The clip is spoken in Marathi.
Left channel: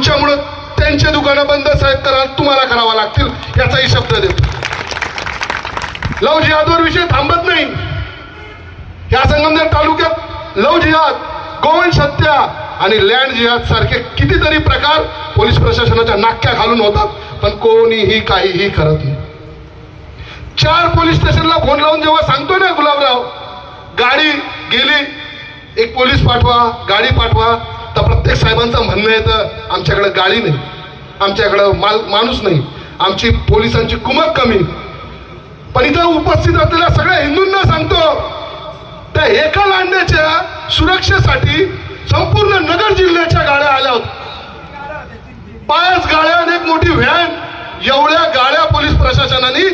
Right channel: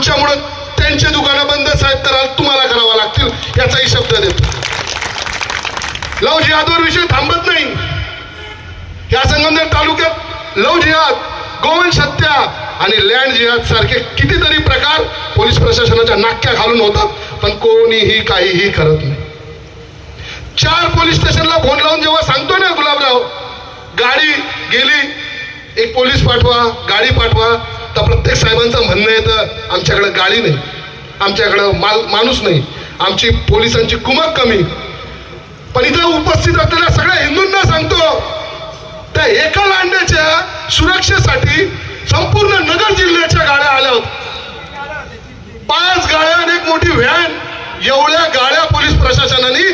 आमच्यामुळे त्यांचे दुकानं बंद साहेब तर तुम्हाला करावा लागतील याचाही शब्द देतो. लव्ह जिहादवर विषय थांबत नाही. या संगमनेर तालुक्यात लव्ह जिहाद, गोवंश हत्या आणि लँड जिहाद सारखे कितीतरी प्रकार पोलीस प्रशासनाच्या नाक्या घालून होतात, पण कोणीही काहीही करत नाही. 4 पोलीस स्टेशनला फोन लावून जेव्हा सांगतो ना गुलाबराव गाडी गेली, एक पोलीस पाठवा, गाडी पाठवा, तर प्रत्येक साहेबांचं म्हणणं येतं आमच्याकडे गाडी नाही, आमच्याकडे माणूस नाही, आमची पोलिसांची कुमक कमी. पण इथं उपस्थित असलेल्या सगळ्या हिंदूंना सांगतो, त्या एका लांड्याच्या सुरक्षेसाठी संपूर्ण नगर जिल्ह्याच्या गाड्या आल्या होत्या. 5 गाड्या आणि एक मोठी व्हॅन, एवढ्या गाड्या पोलीस प्रशासनाने